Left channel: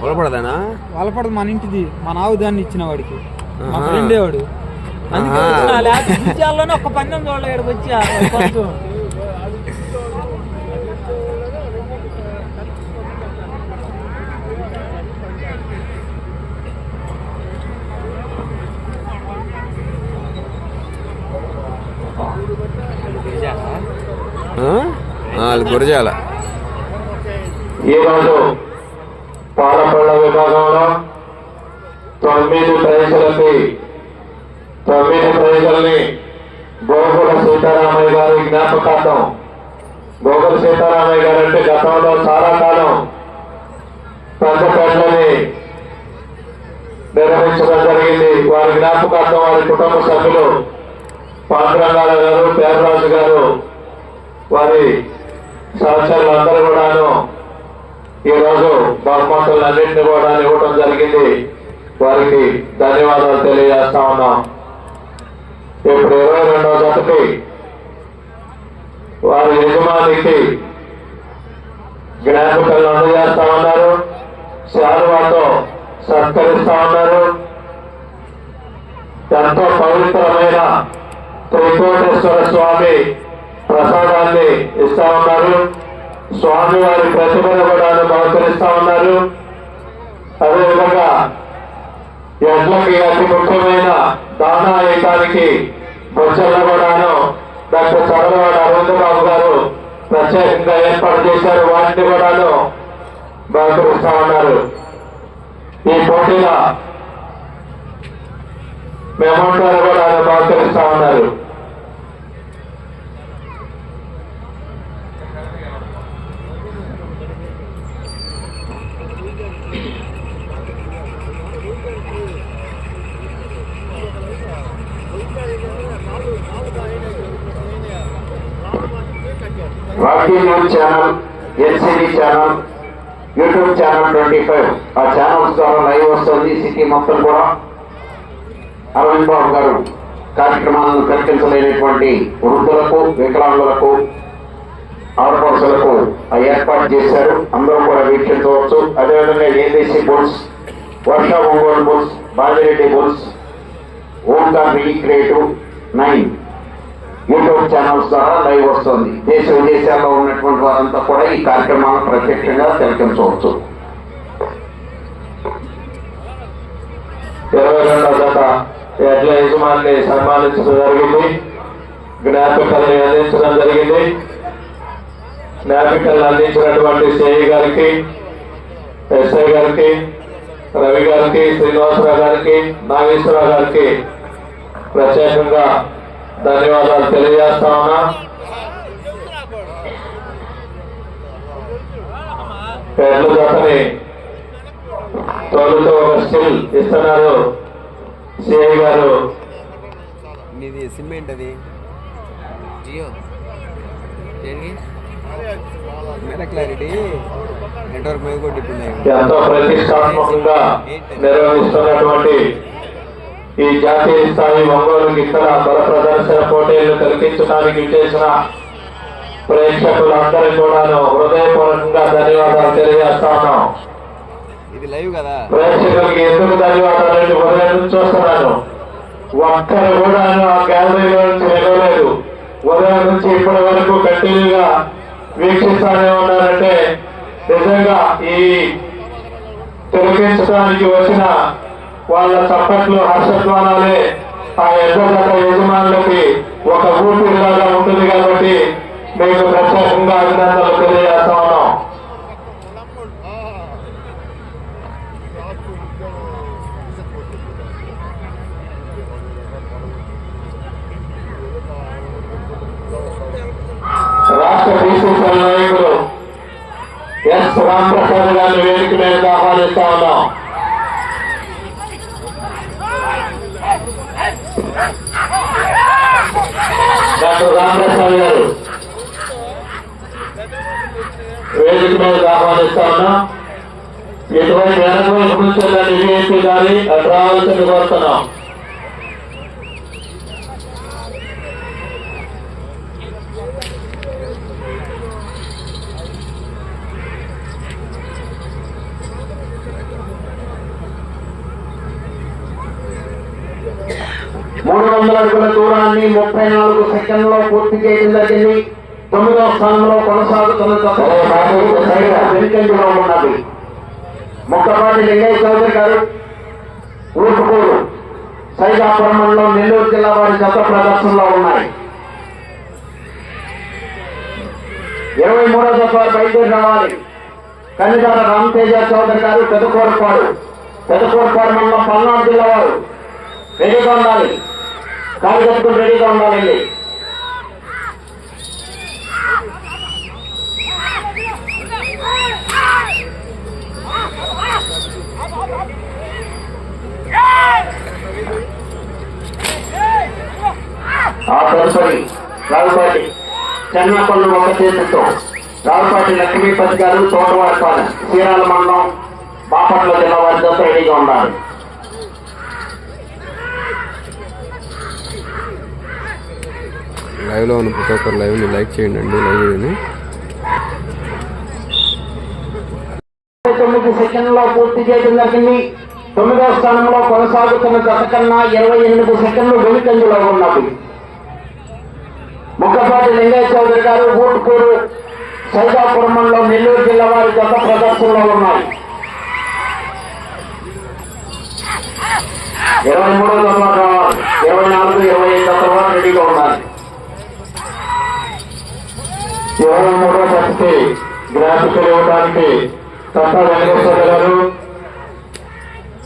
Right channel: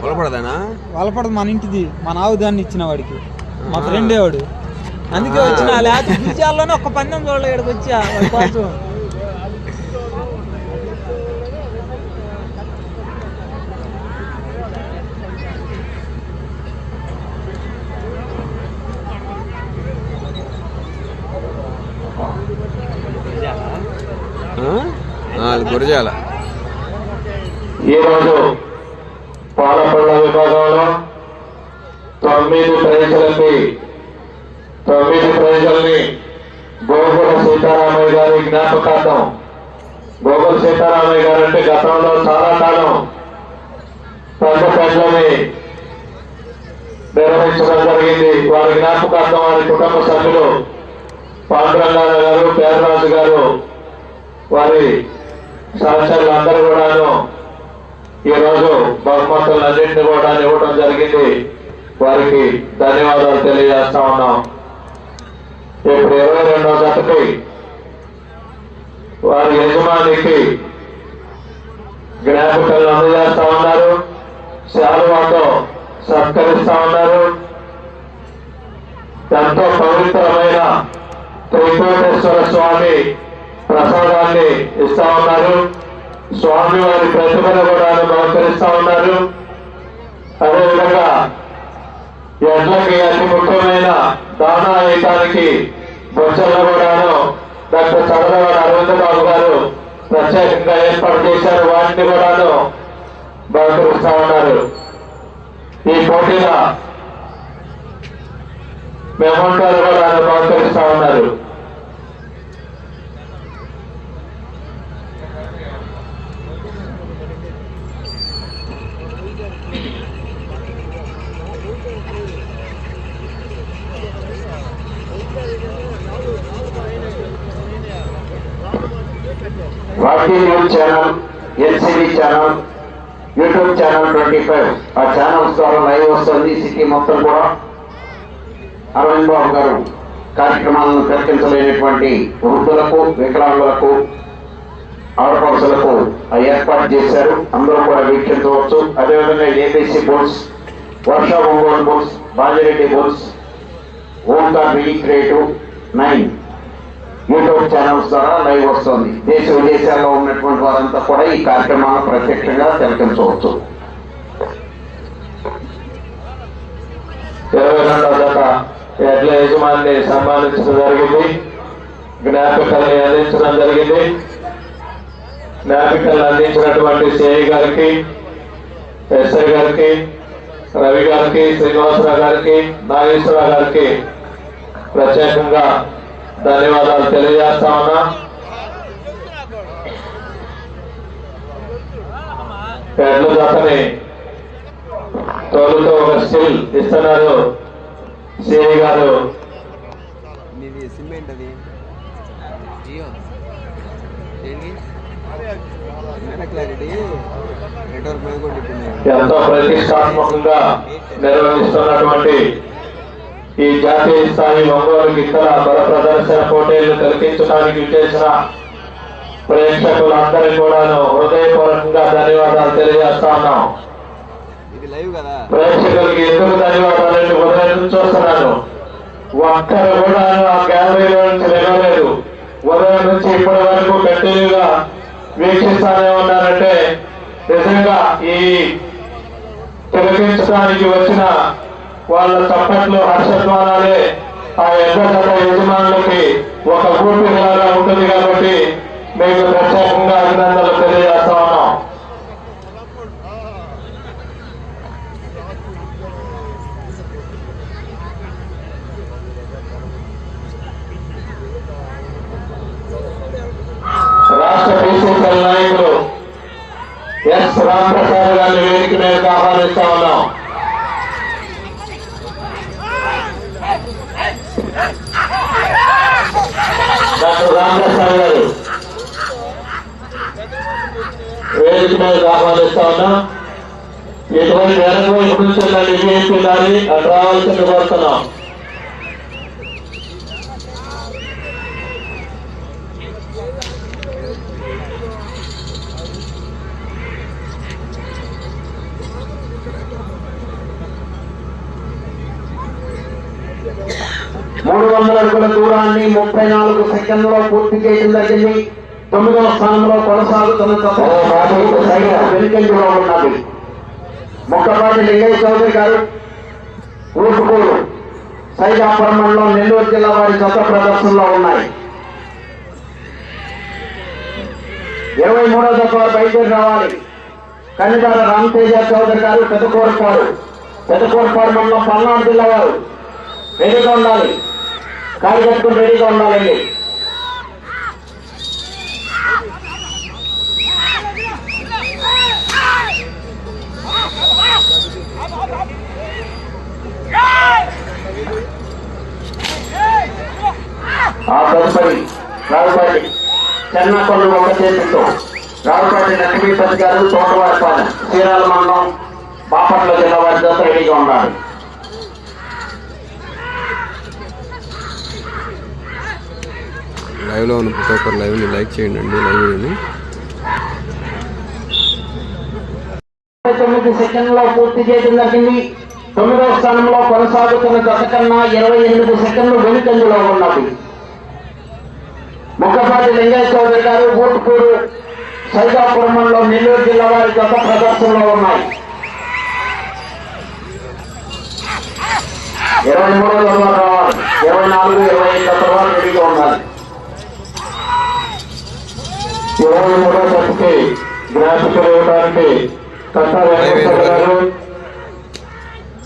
పొలపడదానా వాళ్ళపడదు మన ఇంటిది. మన ఆవు దాన్ని ఇచ్చిన వాడికి. మా ఫ్రెండే వాడు. అందుకే వచ్చిన లేకపోతే విజయాల్లోనే ఒక్క పందెం చూడలే ఇక్కడికి వచ్చా వాడి కోసం. అది గురజాల ఈరోజు పాలపల్ల విభాగంలో తొమ్మిది ప్రజలకి తొమ్మిది ప్రజలని గోగుల సీతారామయ్య గారి జ్ఞాపకార్థం. గోగుల సీతారామయ్య గారు అంటే గతంలో చాలా కాలం పెద్ద పెద్దని నిర్వహించడం జరిగింది. వారి జ్ఞాపకార్థం వారి కుటుంబ సభ్యులు పాండురంగారావు గారు పేదరాజు గారు వారి సహచరులు అందరూ కూడాను ఈ రోజు బహుమతులు అన్నింటిని కూడా ఇవ్వడం జరిగింది. వారికి ధన్యవాదాలు తెలియజేస్తా ఉన్నాం. ఇప్పుడు ఇరవై రెండవ జతకి వారి యజమానికి జ్ఞాపకాలు అందజేస్తా ఉన్నారు. శాలువాతో సత్కరిస్తా ఉన్నారు. ఎంతో పవిత్రమైన త్రికోటేశ్వర స్వామి ప్రసాదాన్ని ఇస్తా ఉన్నారు. స్వామి వారి ప్రతిభను కూడా బహుకరిస్తా ఉన్నారు. అదేవిధంగా ఎడ్లకి అతి ముఖ్యమైన దానాయుతానికి బొచ్చలను కూడాను డాక్టర్ చంద్రబాబు అరవింద్ బాబు గారు ప్రత్యేకంగా ఏర్పాటు చేశారు. వాటిని కూడాను బహుకరిస్తా ఉన్నారు. ఈ పోటీల మెమోంటాలు కూడా బహుకరిస్తా ఉన్నారు. Rocky channel LCD channel YouTube channel twenty five ఆ ఛానల్స్ ద్వారా లైవ్ వస్తుంది సిక్కిం మొత్తం కూడా. అరవింద్ బాబు గారు కార్యక్రమాలను ప్రకటించలేనటువంటి వృద్ధులకు వికలాంగులకు ఆడపడుచులకు ఏర్పాటు చేశారు. అందరూ కూడా వీక్షించవచ్చు. అదేవిధంగా ABC bulls Varsha Ongole bulls Bajireddy bulls Omkar re creative nine YouTube channels ద్వారా లైవ్ వస్తుంది. దేశ విదేశాల్లో ఉన్నటువంటి వారంతా కూడా ఈ కార్యక్రమాన్ని ప్రత్యక్షంగా తిలకించవచ్చు ఇరవై రెండవ ఎడ్ల యజమాని సన్మానించడం జరిగింది. జ్ఞాపికలు అందించడం జరిగింది. జ్ఞాపికలు అందించినటువంటి సిఐ గారికి ఎస్ఐ గారికి రవి గారికి శ్రీనివాసరావు గారికి నాగేశ్వరరావు గారికి ప్రత్యేకంగా ధన్యవాదాలు తెలియజేస్తా ఉన్నా. ఎడ్ల జతని తోలుతో ఒక స్టిల్ ఇస్తున్నారు. సిఐ గారు. నీది సిమెంట్ అది జియో. ఎంతో ప్రతిష్టాత్మకంగా నిర్వహిస్తున్నటువంటి ఈ జాతీయ స్థాయి ఒంగోలు ఇతర బల ప్రదర్శన పోటీలను తిలకించడానికి చేసిన ప్రేక్షకులందరూ కూడాను హృదయపూర్వకంగా ధన్యవాదాలు తెలియజేస్తా ఉన్నాం. ప్రేక్షకులకి ఎందుకు ధన్యవాదాలు ఉదయం నుంచి చూస్తున్నాను ఒక్కరు కూడా ఆ గ్యాలరీలో నుంచి వెళ్ళలేదు. ఉదయం నుంచి ఇప్పటి వరకు కంటిన్యూగా వీక్షిస్తానే ఉన్నారంటే నిజంగా ఈ తిలకించడానికి వచ్చిన వాళ్ళ చప్పట్లు హర్షధ్వానాలే ఆ ఎద్దగడ్డ యజమానులకి ఒక ఊపిరిలాగా ఉంటుంది కాబట్టి మేము ప్రత్యేకంగా అభినందనలు తెలియజేస్తా ఉన్నాం. రాష్ట్ర బీసీసీ నాయకులు ఎస్ రామప్రసాద్ గారిని వేదిక మీదకి ఆహ్వానిస్తా ఉన్నాం. డాక్టర్ రామప్రసాద్ గారు. వేదిక మీద ఆహ్వానిస్తా ఉన్నా. ఎటువంటి వెనక వైపు కూర్చున్న విజయపి రావాల్సింది కోరుతున్నాం మూడు వందల అడుగుల దూరాన్ని ముప్పై నాలుగు సెకండ్లో పూర్తి చేయడం జరిగింది. తొమ్మిదవ స్థానంలో కొనసాగుతున్న వెనుకంజలో ఉన్నది. మొక్కపాటి లింగయ్య చౌదరి గారు సైదాపురం మండలం నెల్లూరు జిల్లా వారి జత ప్రదర్శనలో ఉన్నాయి. ఇరవై మూడో వారు బయలుదేరి రావాలి. కన్నిదార రామతేజ చౌదరి గారు పెదకోరపాడు పెదకోరపాడు మండలం పల్నాడు జిల్లా వారు. రెడీగా ఉండాలి. కాలు కట్టుకుని రెడీగా ఉండాలండి. ఆ తదుపరి రావుపాటి చెన్నకొండ ఒక చేతులతో రావుపాటి లక్ష్మీపతి గారు తోటవాడపాలెం చీరాల మండలం బాపట్ల జిల్లా వారి జత రెడీగా ఉండాలి. లైవ్లో ఉన్న ప్రతి ఒక్కరు లైవ్ని లైక్ చేయండి అండి లైవ్ వీడియోని. తొమ్మిది సెకండ్లో పూర్తి చేయడం జరిగింది తొమ్మిదవ స్థానంలో కొనసాగుతున్న గత కన్నా ఇరవై ఎనిమిది సెకండ్లు వెనుకంజలో ఉన్నది. ముఖపాటి లింగయ్య చౌదరి గారు ఊటుకూరు సైదాపురం మండలం నెల్లూరు జిల్లా వారి గత ప్రదర్శనలో ఉన్నాయి. ఇరవై మూడో గ్రాఫికల్ ఇవ్వడానికి వెంకటేశ్వర గారు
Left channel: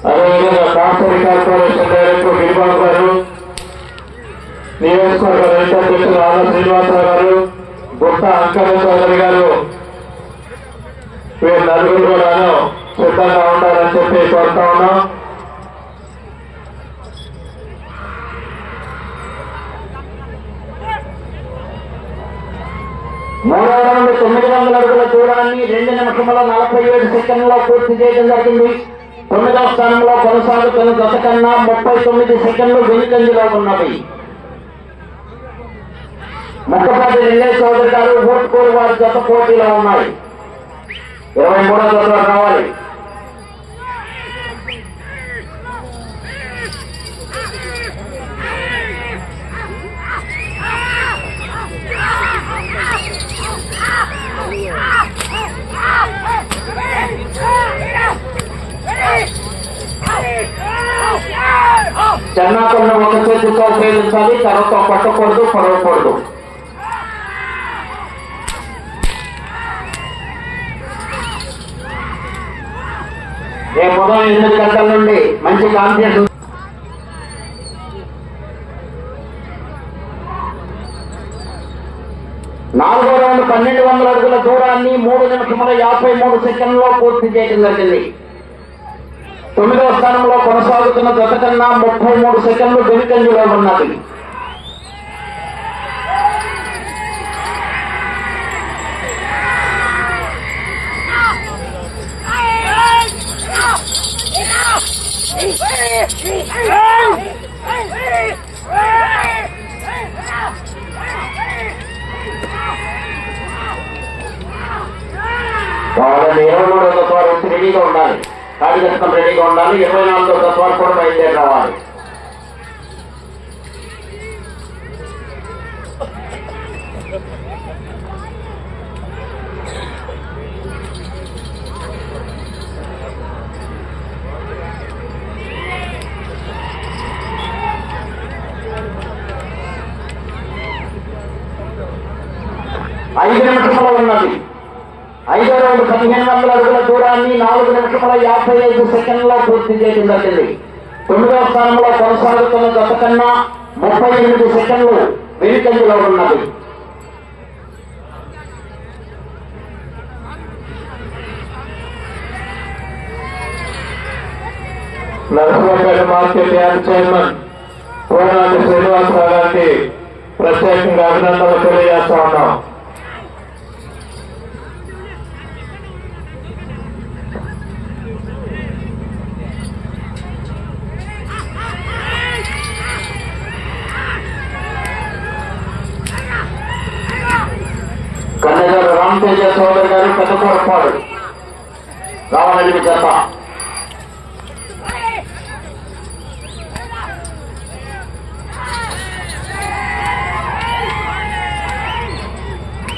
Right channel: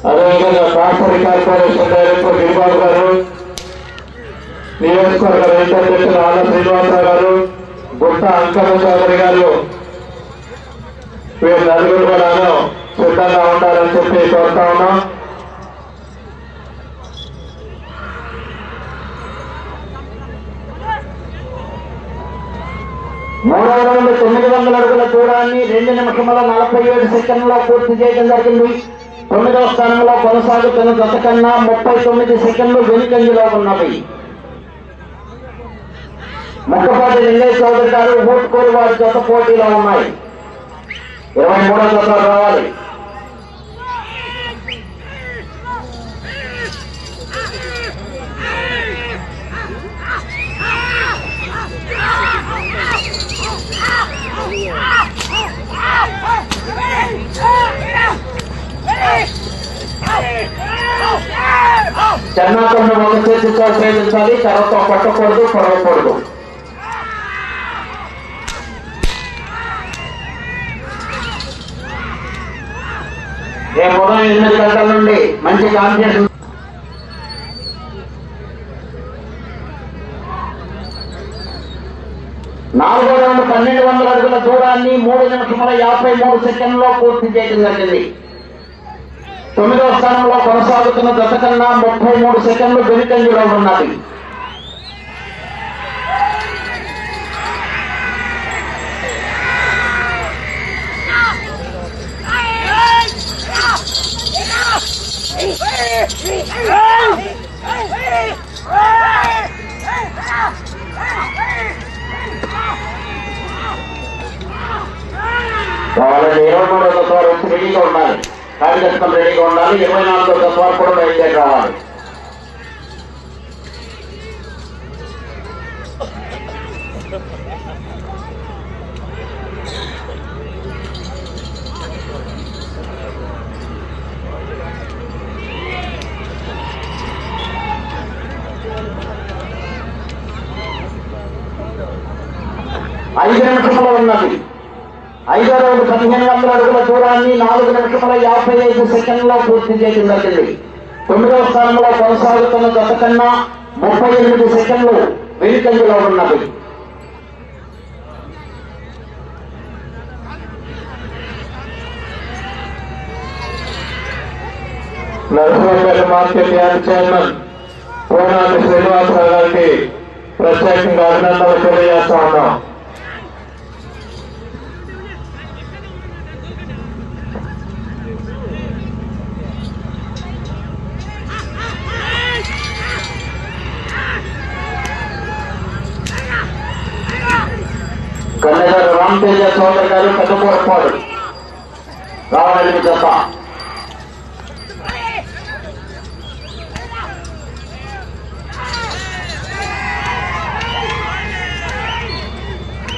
అదేవిధంగా కాస్టరీ కార్పొరేషన్ డైరెక్టర్ గిరిబాబు గారు నియోజకవర్గ రైతు అధ్యక్షులు ఆళ్ళ శ్రీనివాసరావు గారు గుట్ట అంకమ్మ చౌదరి గారు వీరు నలుగురు కూడా సిద్ధంగా ఉంటారని చెప్పి కోరుతా ఉన్నాం. తొమ్మిది వందల అడుగుల దూరాన్ని రెండు నిమిషముల నలభై ఏడు సెకండ్లో పూర్తి చేయడం జరిగింది. తొమ్మిదవ స్థానంలో కొనసాగుతున్న గత కన్నా ముప్పై తొమ్మిది సెకండ్లు వెనుకంజలో ఉన్నవి. ముఖపతి లింగయ్య చౌదరి గారు ఓటుకోరు వారి జత పోటీలో ఉన్నాయి. ఇరవై మూడో జతలో రావాలి. చెన్నాకొండ ఒక చేతితో సేవించాలి తర్వాత పట్టకూడదు పొడవకూడదు రేపు ఉదయం ఎనిమిది గంటల నుండి మంచి కాంపిటీషన్ నాలుగో రౌండ్ పన్నెండు వందల అడుగుల దూరాన్ని మూడు నిమిషముల యాభై మూడు సెకండ్లో పూర్తి చేయడం జరిగింది. తొమ్మిదవ స్థానంలో కొనసాగుతున్న గత కన్నా ముప్పై మూడు సెకండ్లు వెనుకంజలో ఉన్నది. రెడీగా ఉండాలి ఇరవై నాలుగో తత్వాలు కూడా బయలుదేరి రావాలి ఐదు నిమిషములు ఉన్నది. ఐదో రౌండ్ పదిహేను నాలుగు నిమిషముల యాభై ఐదు సెకండ్లో పూర్తి చేయడం జరిగింది. తొమ్మిదవ స్థానంలో కొనసాగుతున్న గత కన్నా ముప్పై ఎనిమిది సెకండ్లు వెనుకంజలో ఉన్నది. Narasimhapeta market yard chairman Konati Srinivasarao గారికి ప్రత్యేకంగా అభినందనలు తెలియజేస్తా ఉన్నాం. గన్నగారు రామతేజ చౌదరి గారు కొత్తకూరపాడు రామరెడ్డి జత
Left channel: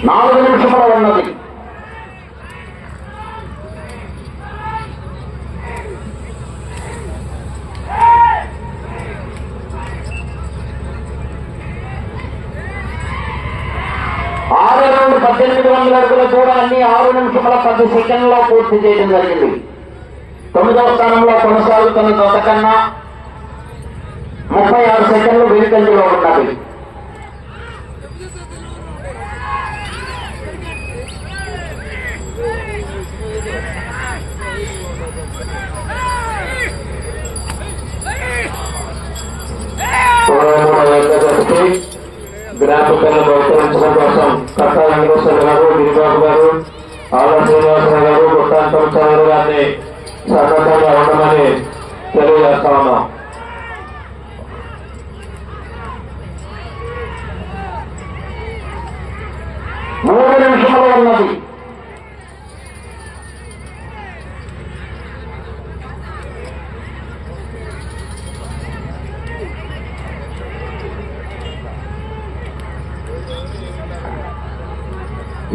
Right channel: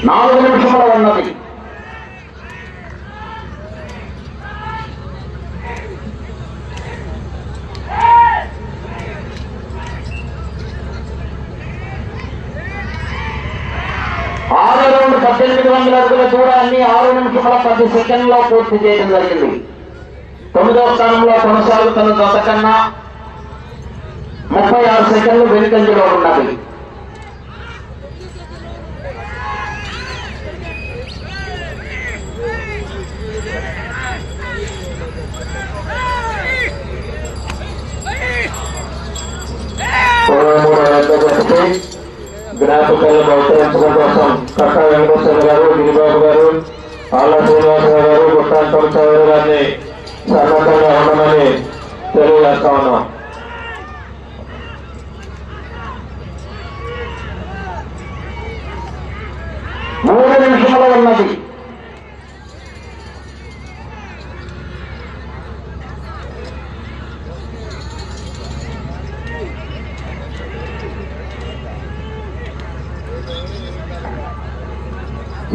నాలుగు నిమిషాలు ఉన్నది. పద్దెనిమిది వందల అడుగుల దూరాన్ని ఆరు నిమిషముల పది సెకండ్లో పూర్తి చేయడం జరిగింది తొమ్మిదవ స్థానంలో కొనసాగుతున్న జత కన్నా ముప్పై ఆరు సెకండ్లు వెనుకంజలో ఉన్నది. గ్రాఫికల్ని బహుకరించడం కోసం కట్ట వెంకటేశ్వర గారు గిరిబాబు గారు ఆళ్ళ శ్రీనివాసరావు గారు గుట్టాంతం చౌదరి గారిని సన్నద్ధంగా ఉండమని తెలియజేస్తా ఉన్నాం. మూడు నిమిషంలో ఉన్నది.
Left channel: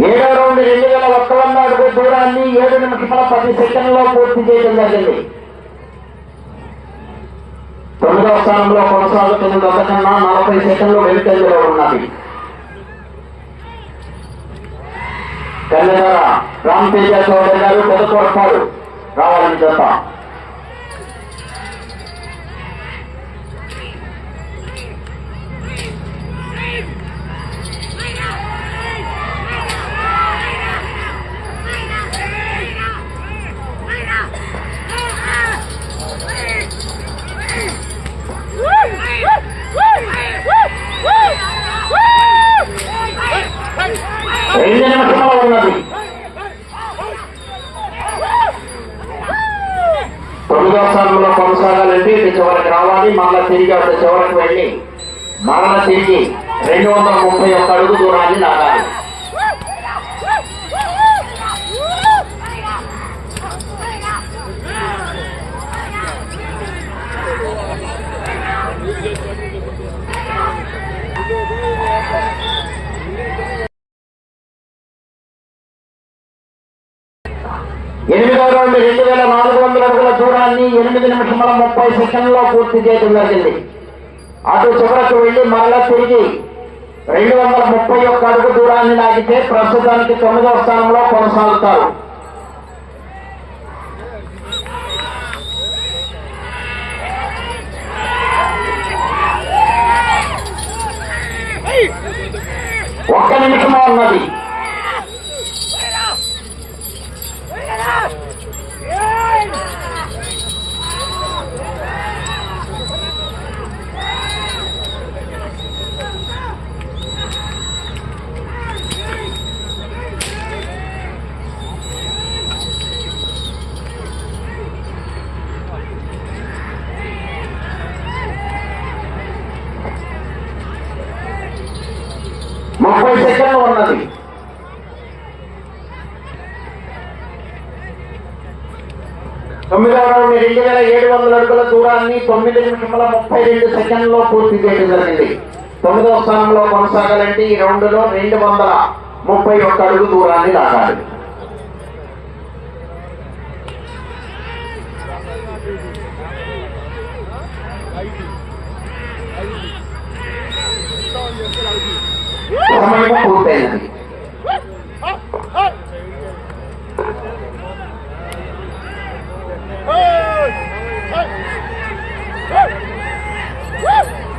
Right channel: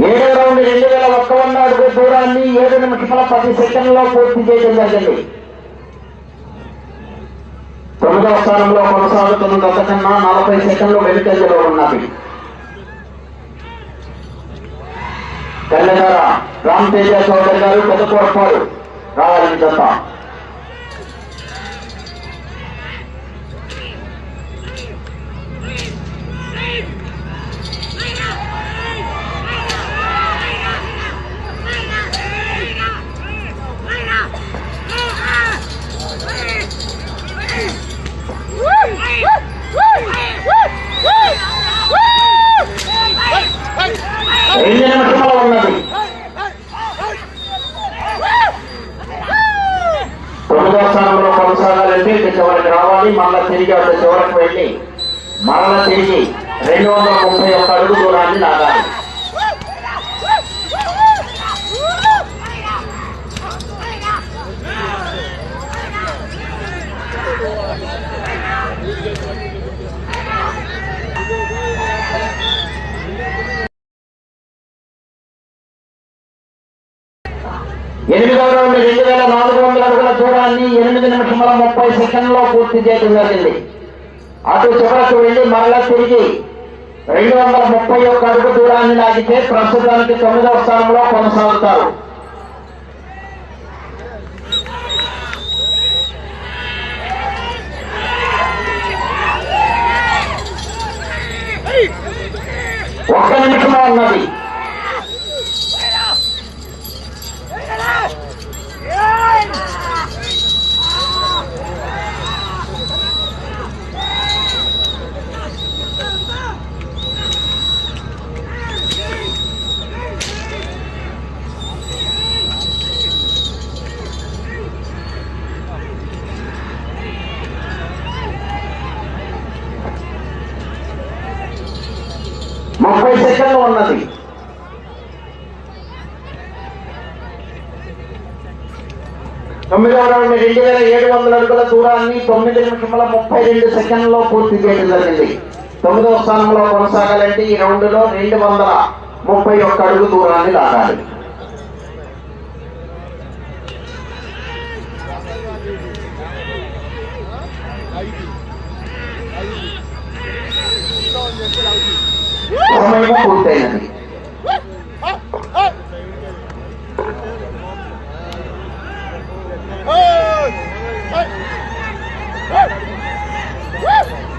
ఏడో రౌండ్ రెండు వేల ఒక్క వంద అడుగు దూరాన్ని ఏడు నిమిషాల పది సెకండ్లో పూర్తి చేయడం జరిగింది. తొమ్మిదవ స్థానంలో కొనసాగుతున్న గత కన్నా నలభై సెకండ్లు వెనుకంజలో ఉన్నది. తెల్లగార రామ్ తేజ చౌదరి గారు పెద్ద పొరపాటు రావాలని చెప్ప కొనసాగాలంటే ఇక చివరికి రావాలి మళ్ళా తిరిగి అటు చివరికి వెళ్ళి మరల తిరిగి రెండు వందల ముప్పై ఒక్క అడుగు దూరాన్ని లాగాలి. ఎనిమిదవ రౌండ్ రెండు వేల నాలుగు వందల అడుగుల దూరాన్ని ఎనిమిది నిమిషముల ముప్పై సెకండ్లో పూర్తి చేయడం జరిగింది. అటు చివరకు వెళ్ళి మరలా తిరిగి రెండు వందల ముప్పై ఒక్క అడుగు దూరాన్ని లాగితే ప్రస్తుతానికి తొమ్మిదవ స్థానంలో కొనసాగుతారు. ఒక్క నిమిషమే ఉన్నది. సెకండ్లు ఉన్నది తొమ్మిదవ రౌండ్ రెండు వేల ఏడు వందల అడుగుల దూరాన్ని తొమ్మిది నిమిషముల ముప్పై రెండు సెకండ్లో పూర్తి చేయడం జరిగింది. తొమ్మిదవ స్థానంలో కొనసాగాలంటే ఈ రౌండ్ రెండు వందల ముప్పై ఒక్క అడుగు దూరాన్ని లాగాలి. సమయం పూర్తయినది.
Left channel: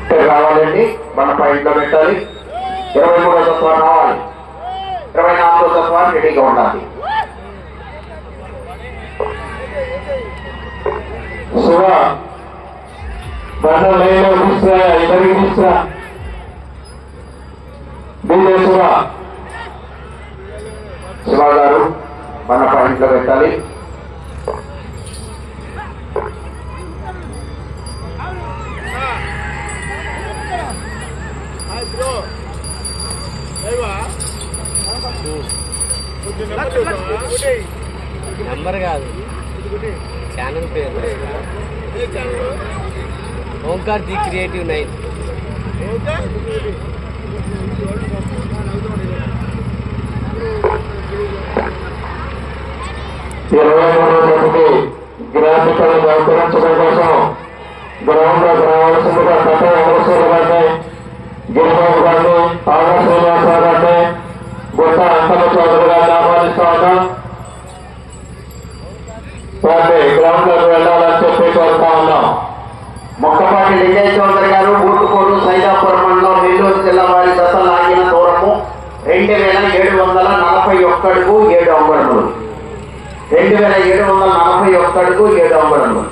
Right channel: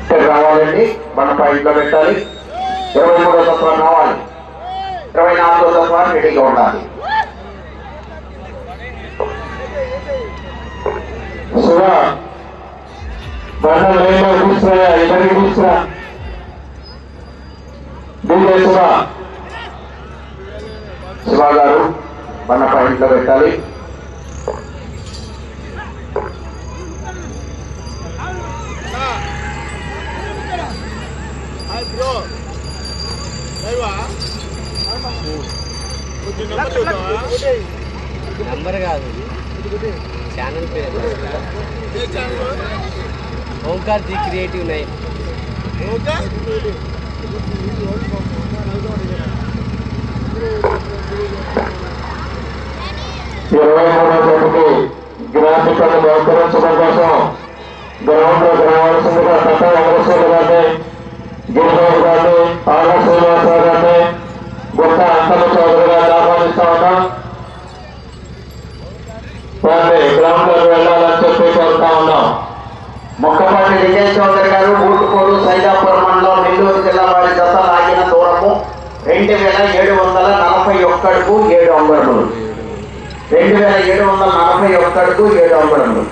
ఇక్కడ రావాలండి. మన పాయింట్లో పెట్టాలి. ఇరవై మూడో తత్వాన్ని రావాలి. ఇరవై నాలుగో తత్వాన్ని రెడీగా ఉండాలి. శివ బండ లైన్లో తీసుకురా ఇద్దరికి తీసుకురా. నెంబర్ కాదు. ఛానల్ పేరు. Omkar the creative nine. ఇరవై మూడో గ్రాఫికల్ని బహుకరించడం కోసం గ్రౌండ్లో గ్రామాల్సిందిగా సత్య అమరస్వామి గారిని గిరిబాబు గారిని అంగుళములు రెండు వేల ఏడు వందల నలభై ఒక్క అడుగు ఏడు అంగుళములు